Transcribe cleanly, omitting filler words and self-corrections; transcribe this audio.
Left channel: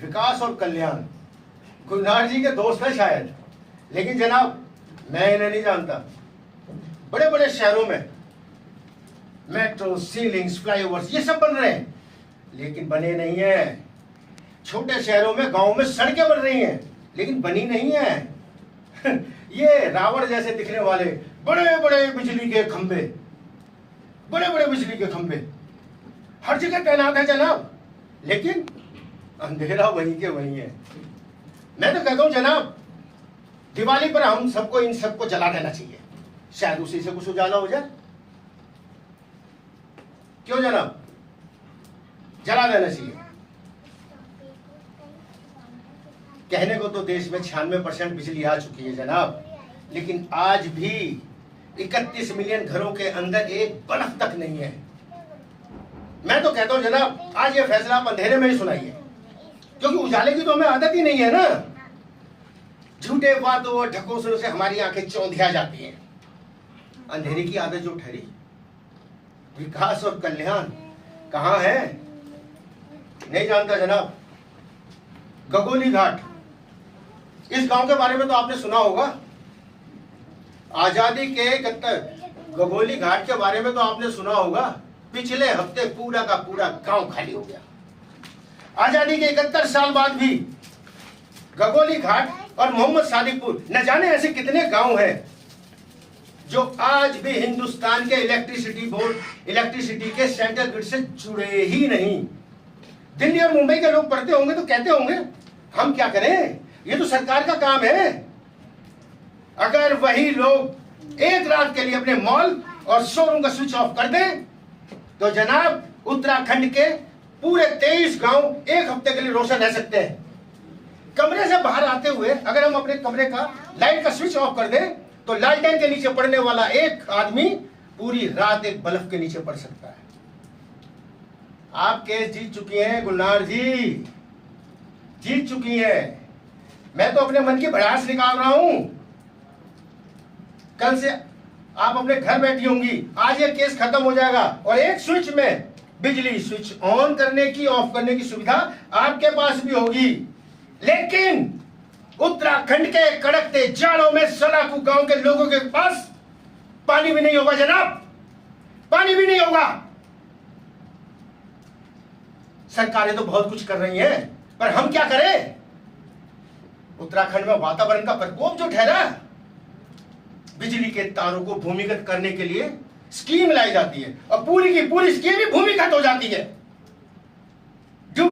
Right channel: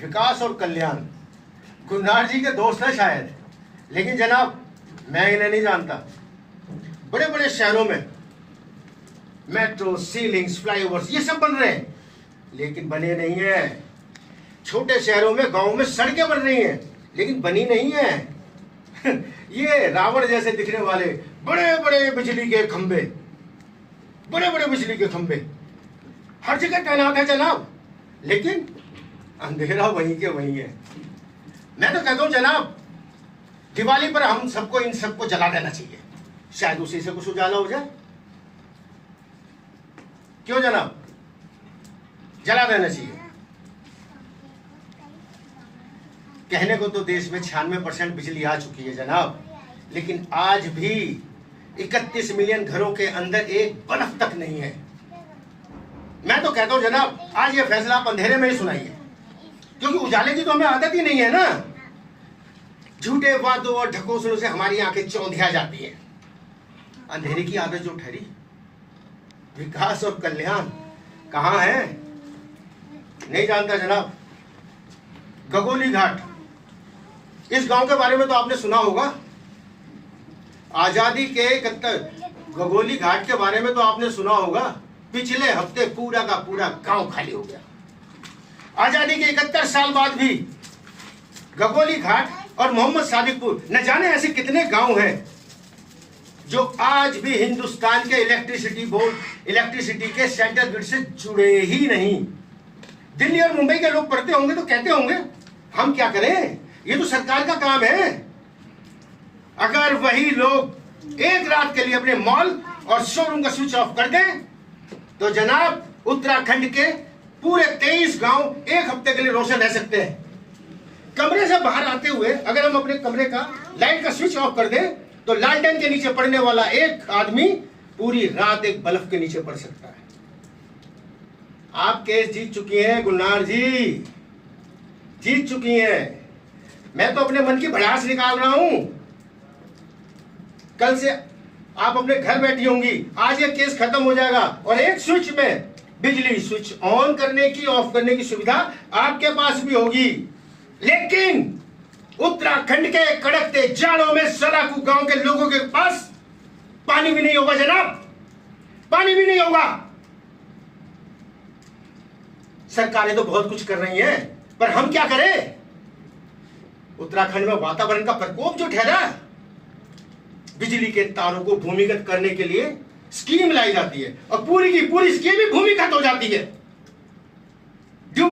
विकास और कल्याण गुलनार जी के दोस्त हैं शायद, लेकिन जनाब मैं इन्हें नहीं जानता। बड़े बड़े शहरों में मेट्रो, सीलिंग्स, फ्लाईओवर्स ये सब बन रहे हैं, लेकिन बने नहीं है। छोटे शहरों में, गांवों में सड़कें बन रही हैं, लेकिन बनी नहीं है। ये रावण जैसे दिखने वाले बड़े बड़े बिजली के खंभे, बड़े बड़े बिजली के खंभे हर जगह तैनात है जनाब, लेकिन अंधेरा वहीं के वहीं है। मैं तो कहता हूं जनाब, दिवाली पर हम सबको इन सबको जला देना चाहिए, शायद उसी से कुछ उजाला हो जाए। क्यों जनाब, जला देना चाहिए। कहने को तो देश में 96% बिजली आ चुकी है जनाब, लेकिन आज भी 31 मिलियन घरों के अंदर एक बल्ब तक नहीं है। मैं तो कहता हूं जनाब, आज ये फैसला आप अंधेरे में ही सुनाइए, क्योंकि उजाले की तो हमें आदत ही नहीं है ना। झूठे वादों और ढकोसलों से हमारी आंखें चौंधिया जाती हैं। अंधेरे की आदत जो ठहरी, विकास और कल्याण कहां है नहीं जानता जनाब। गगोली घाट, इस गांव के बारे में तो आपने सुना होगा। आजादी के 71 गगोली घाट के बारे में तो आपने सुना होगा। पिछले हफ्ते पूरा का पूरा गांव खाली हो गया। आजादी के 71 साल बाद भी गगोली घाट और मोहम्मद सादिकपुर, न जाने ऐसे कितने गांव हैं जो आज भी हिंदुस्तान के इलेक्ट्रिसिटी बोर्ड, इलेक्ट्रिसिटी के सेंट्रल ग्रिड से जुड़े ही नहीं। दिल्ली और मुंबई के लोग पढ़ते होंगे तो कहते होंगे हम क्या करें, ये तो सरकार का काम है। अगर वही लोग एक रात के लिए अपने मॉल और शोरूम का स्विच ऑफ कर दें तो जनाब उत्तराखंड के पूरे 23 गांव एक हफ्ते के लिए रोशन रह सकते हैं। कमरे से बाहर आते हुए अगर हम अपने कमरे का लाइट का स्विच ऑफ कर दें तो लालटेन के नीचे पड़ने वाला एक आदमी पूरी रात एक बल्ब के नीचे पड़ सकता है। आप केस जीत चुकी हैं गुलनार जी, जीत चुकी हैं। मैं तो अपने मन की भड़ास निकाल रहा हूं। कल से आप अपने घर बैठी होंगी, आज ये केस खत्म हो जाएगा और एक स्विच में बिजली स्विच ऑन करने की, ऑफ करने की सुविधा आपके पास भी होगी। लेकिन उत्तराखंड के कड़कते जाड़ों में सराकू गांव के लोगों के पास पानी भी नहीं होगा जनाब, पानी भी नहीं होगा। सरकारें तो बहुत कुछ कर रही हैं, पर हम क्या करें। उत्तराखंड में वातावरण का प्रकोप जो ठहरा, बिजली के तारों को भूमिगत करने के लिए स्कीम लाई जाती है और पूरी की पूरी स्कीम ही भूमिगत हो जाती है।